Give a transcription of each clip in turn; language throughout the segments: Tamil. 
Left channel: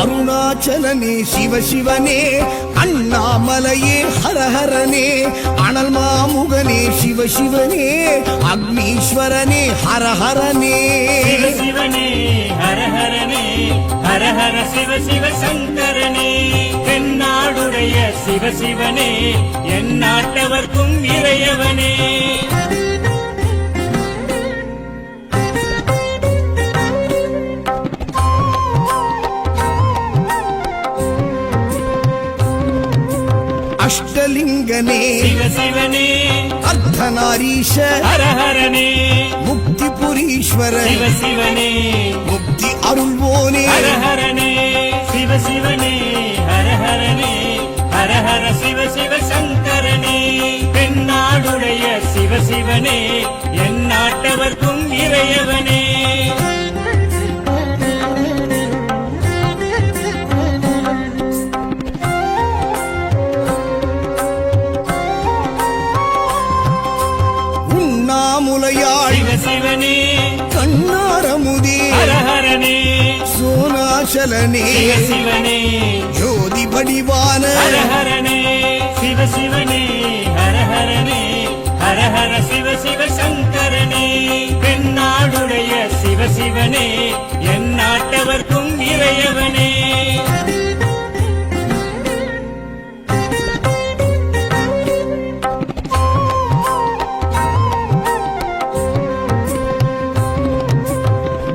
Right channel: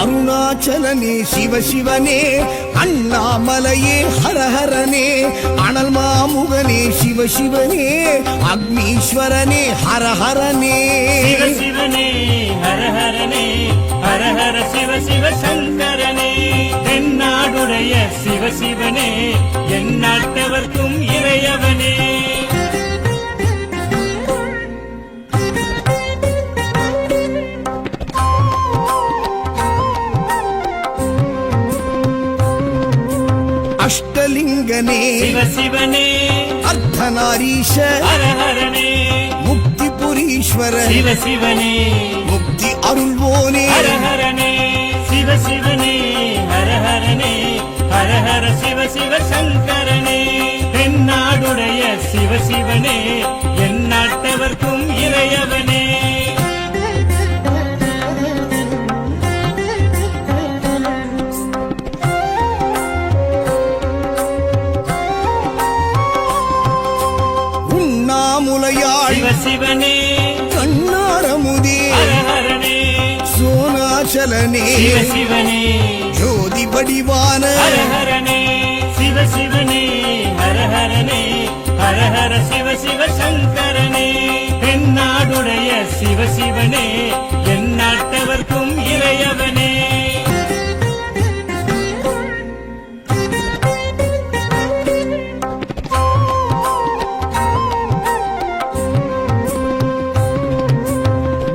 அருணாச்சலனே சிவசிவனே, அண்ணாமலையே ஹரஹரனே, அனல் மாமுகனே சிவசிவனே, அக்னீஸ்வரனே ஹரஹரனே. சிவசிவனே ஹரஹரனே, ஹரஹர சிவ சிவ சங்கரனே, தென்னாடுடைய சிவசிவனே, என் நாட்டவர்க்கும் இறையவனே. அஷ்டலிங்கனே சிவசிவனே, அர்த்தநாரீஷ ஹரஹரனே, முக்திபுரீஸ்வர சிவசிவனே, முக்தி அருள்வோனே. ஹரஹரனே சிவசிவனே, ஹரஹரனே, ஹரஹர சிவ சிவ சங்கரனே, தென்னாடுடைய சிவசிவனே, என் நாட்டவர்க்கும் இறையவனே. உண்ணாமுலையாள் சிவசிவனே, கண்ணாரமுதே ஹரஹரனே, சோனாச்சலனே சிவசிவனே, ஜோதி வடிவான ஹரஹரனே சிவசிவனே, ஹரஹரனே, ஹரஹர சிவ சிவ சங்கரனே, தென்னாடுடைய சிவசிவனே, என் நாட்டவர்க்கும் இறையவனே.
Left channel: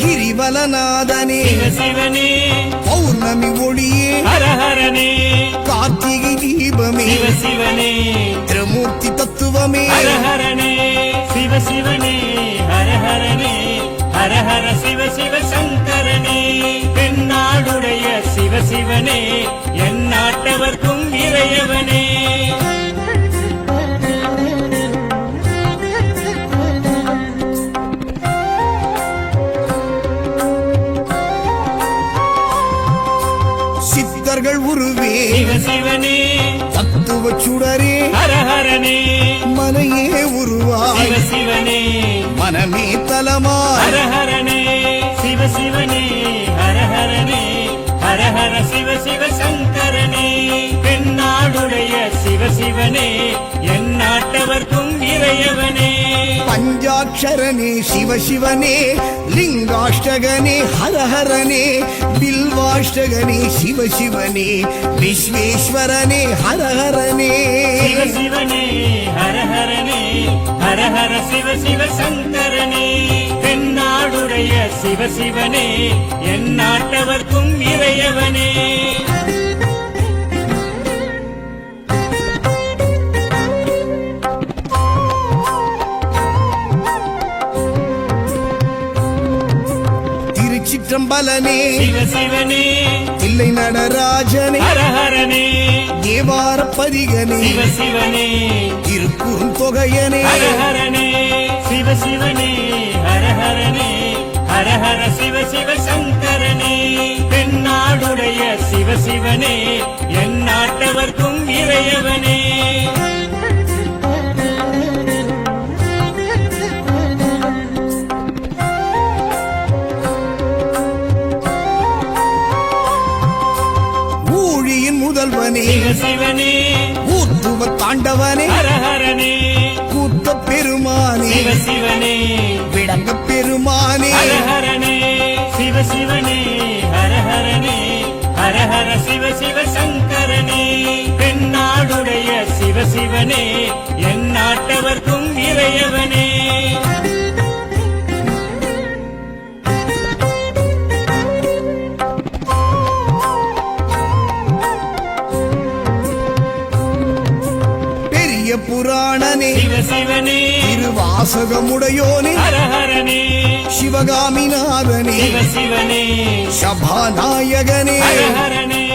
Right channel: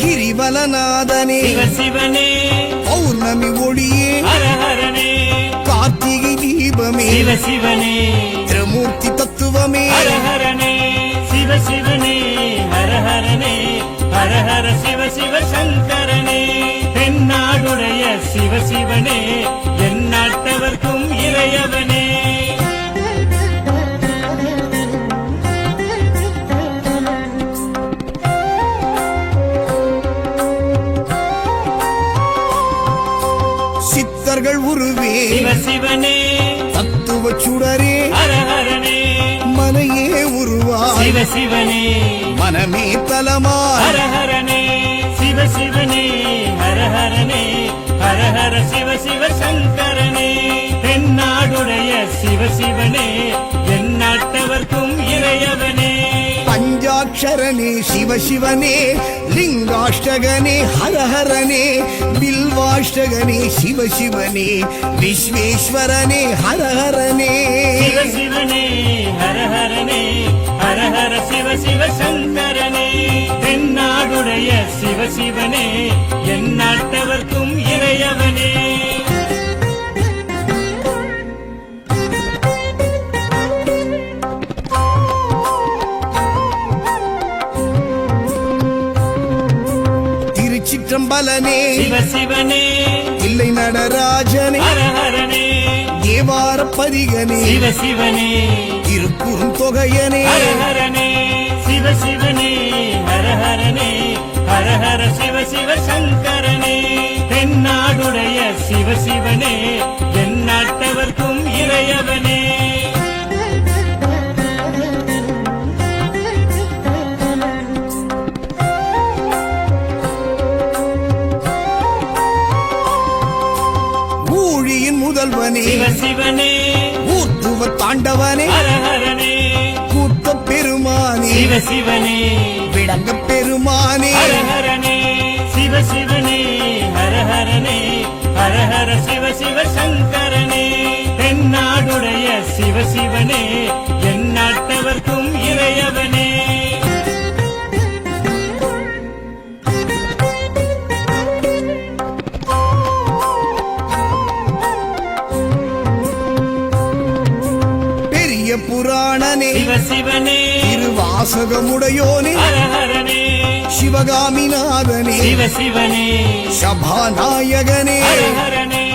கிரிவலநாதனே சிவசிவனே, பௌர்ணமி ஒளியே ஹரஹரனே, கார்த்திகை தீபமே சிவசிவனே, திரிமூர்த்தி தத்துவமே. ஹரஹரனே சிவசிவனே, ஹரஹரனே, ஹரஹர சிவ சிவ சங்கரனே, தென்னாடுடைய சிவசிவனே, என் நாட்டவர்க்கும் இறையவனே. சித்தர்கள் உருவே சிவசிவனே, தத்துவ சுடரே ஹரஹரனே, மனையே உருவாய் சிவசிவனே, மனமே தலமாய். ஹரஹரனே சிவசிவனே, ஹரஹரனே, ஹரஹர சிவ சிவ சங்கரனே, தென்னாடுடைய சிவசிவனே, என் நாட்டவர்க்கும் இறையவனே. பஞ்சாட்சரனே சிவசிவனே, லிங்காஷ்டகனே ஹரஹரனே, பில்வாஷ்டகனே சிவசிவனே, விஸ்வேஸ்வரனே ஹரஹரனே. சிவசிவனே, ஹரஹரனே, ஹரஹர சிவ சிவ சங்கரனே, தென்னாடுடைய சிவசிவனே, என் நாட்டவர்க்கும் இறையவனே. திருச்சிற்றம்பலனே சிவசிவனே, தில்லை நடராஜனே, ஹரஹரனே, தேவார பதிகனே, சிவசிவனே, திருக்குறுந்தொகையனே. ஹரஹரனே சிவசிவனே, ஹரஹரனே, ஹரஹர சிவ சிவ சங்கரனே, தென்னாடுடைய சிவசிவனே, என் நாட்டவர்க்கும் இறையவனே. ஊழியின் முதல்வனே சிவசிவனே, ஊர்த்துவ தாண்டவனே, ஹரஹரனே, கூத்த பெருமானே, சிவசிவனே, விளங்க பெருமானே. ஹரஹரனே சிவசிவனே, ஹரஹரனே, ஹரஹர சிவ சிவ சங்கரனே, தென்னாடுடைய சிவசிவனே, என் நாட்டவர்க்கும் இறையவனே. பெரிய புராணனே சிவசிவனே, திருவாசகமுடையோனே, ஹரஹரனே, சிவகாமிநாதனே, சிவசிவனே, சபாநாயகனே. ஹரஹரனே,